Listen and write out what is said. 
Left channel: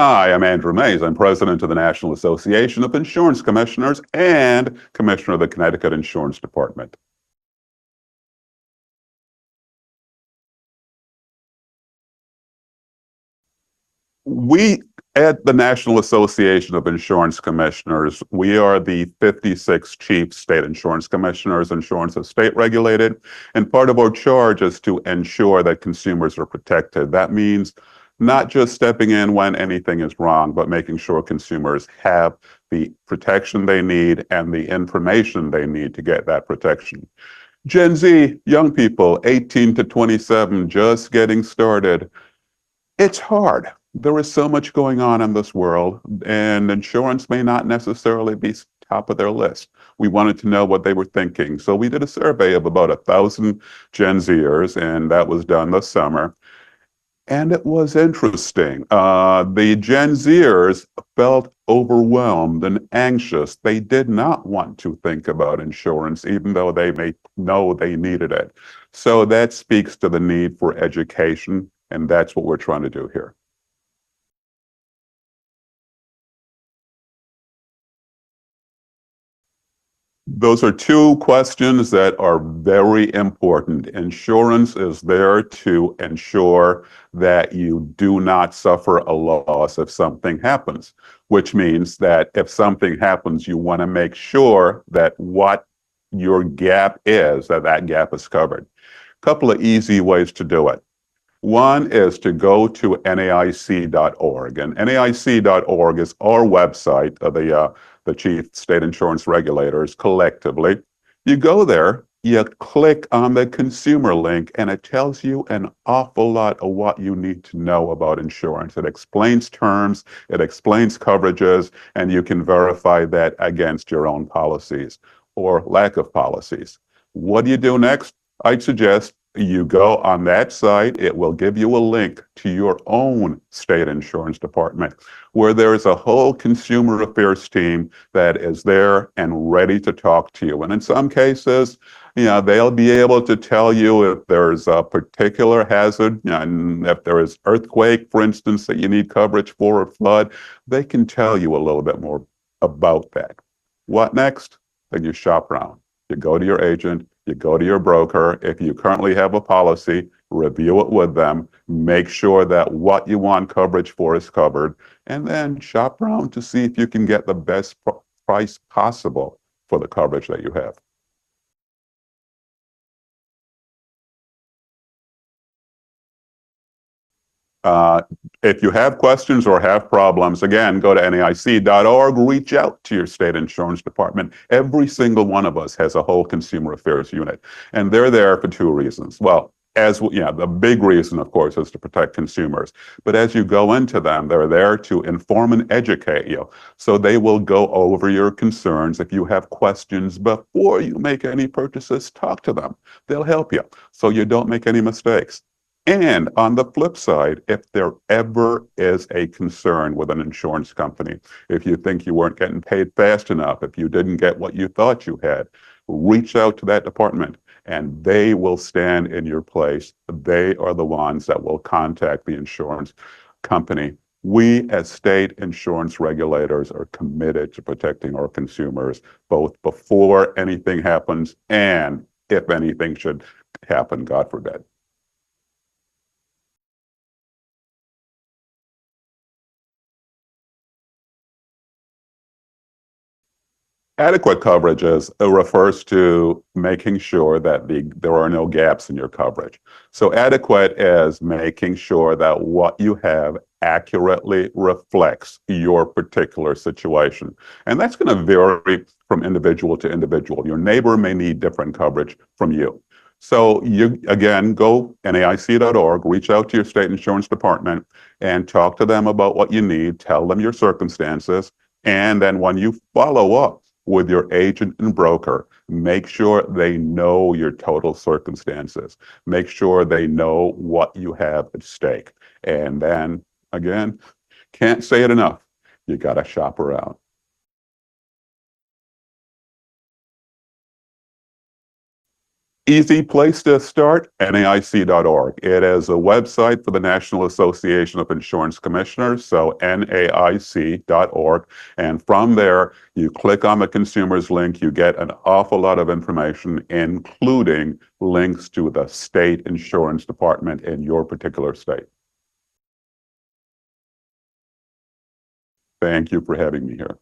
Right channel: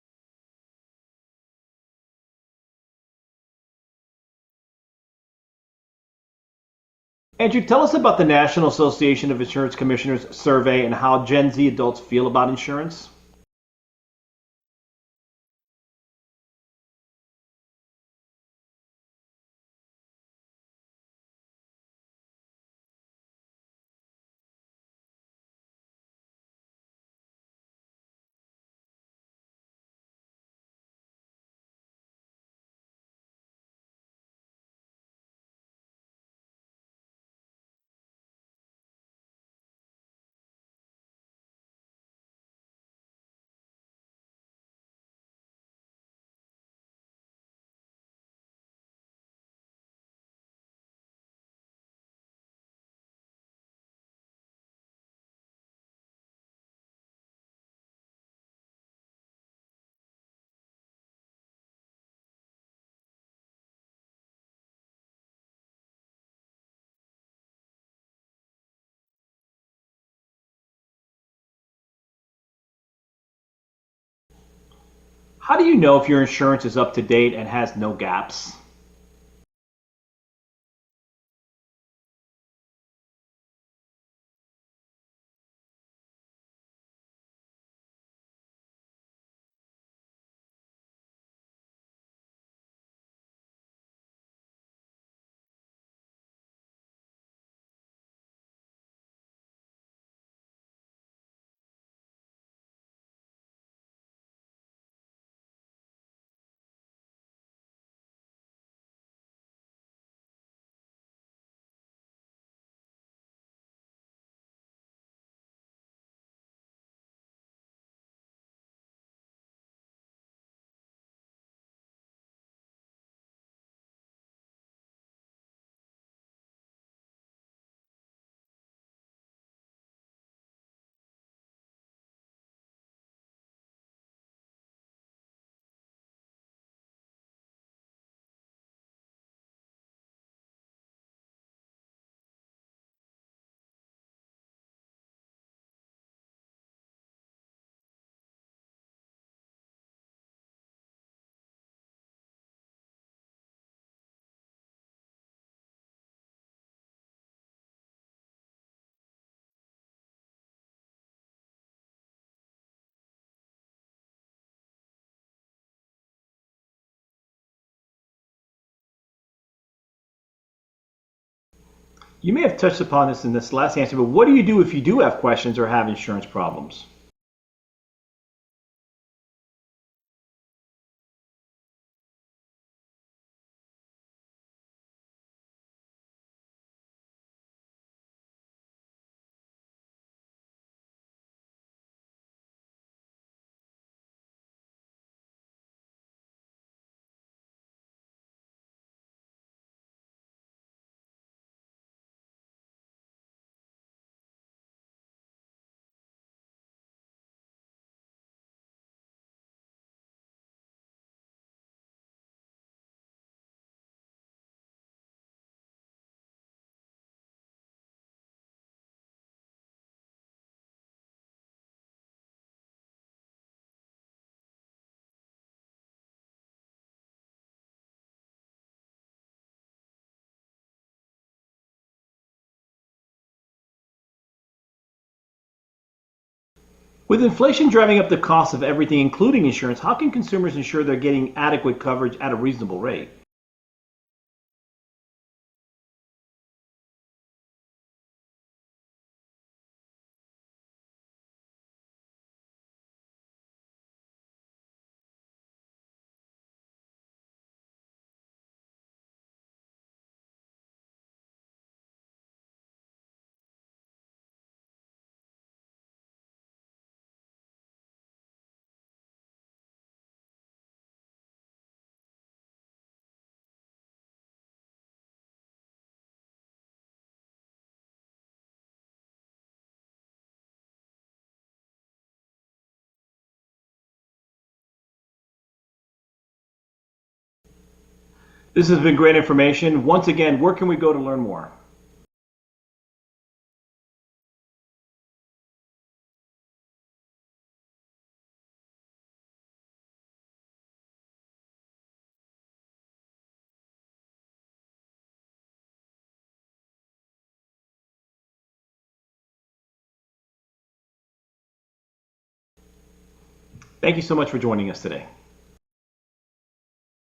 Hi, I'm Andrew Mais. I'm president of the National Association of Insurance Commissioners and commissioner of the Connecticut Insurance Department. Andrew, tell us about the National Association of Insurance Commissioners survey and how Gen Z adults feel about insurance. We at the National Association of Insurance Commissioners, we are the 56 chief state insurance commissioners. Insurance is state regulated, and part of our charge is to ensure that consumers are protected. That means not just stepping in when anything is wrong, but making sure consumers have the protection they need and the information they need to get that protection. Gen Z, young people, 18 to 27, just getting started. It's hard. There is so much going on in this world, and insurance may not necessarily be top of their list. We wanted to know what they were thinking. So we did a survey of about 1,000 Gen Zers, and that was done this summer. And it was interesting. The Gen Zers felt overwhelmed and anxious. They did not want to think about insurance, even though they may know they needed it. So that speaks to the need for education, and that's what we're trying to do here. How do you know if your insurance is up to date and has no gaps? Those are two questions that are very important. Insurance is there to ensure that you do not suffer a loss if something happens, which means that if something happens, you want to make sure that what your gap is, that gap is covered. A couple of easy ways to do it. One is to go to NAIC.org, and NAIC.org is our website of the chief state insurance regulators collectively. You go there, you click on the consumer link, and it tells you an awful lot of what you need to know about insurance. It explains terms, it explains coverages, and you can verify that against your own policies or lack of policies. What do you do next? I'd suggest you go on that site. It will give you a link to your own state insurance department where there is a whole consumer affairs team that is there and ready to talk to you. And in some cases, they'll be able to tell you if there's a particular hazard, and if there is earthquake, for instance, that you need coverage for, or flood, they can tell you a little bit more about that. What next? Then you shop around. You go to your agent, you go to your broker. If you currently have a policy, review it with them, make sure that what you want coverage for is covered, and then shop around to see if you can get the best price possible for the coverage that you have. You may have touched upon this in this last answer, but what do you do if you do have questions or have insurance problems? Uh, if you have questions or have problems, again, go to NAIC.org, reach out to your state insurance department. Every single one of us has a whole consumer affairs unit, and they're there for two reasons. Well, the big reason, of course, is to protect consumers. But as you go into them, they're there to inform and educate you. So they will go over your concerns. If you have questions before you make any purchases, talk to them. They'll help you so you don't make any mistakes. And on the flip side, if there ever is a concern with an insurance company, if you think you weren't getting paid fast enough, if you didn't get what you thought you had, reach out to that department and they will stand in your place. They are the ones that will contact the insurance company. We as state insurance regulators are committed to protecting our consumers, both before anything happens and if anything should happen, God forbid. With inflation driving up the cost of everything, including insurance, how can consumers ensure they're getting adequate coverage at a reasonable rate? Adequate coverage refers to making sure that there are no gaps in your coverage. So adequate is making sure that what you have accurately reflects your particular situation. And that's going to vary from individual to individual. Your neighbor may need different coverage from you. So you, again, go NAIC.org, reach out to your state insurance department and talk to them about what you need, tell them your circumstances, and then when you follow up with your agent and broker, make sure they know your total circumstances. Make sure they know what you have at stake. And then, again, can't say it enough, you got to shop around. This has been great information. Once again, where can we go to learn more? Easy place to start, NAIC.org. It is a website for the National Association of Insurance Commissioners, so NAIC.org. And from there, you click on the consumers link, you get an awful lot of information, including links to the state insurance department in your particular state. Thank you so much for joining us today. Thank you for having me here.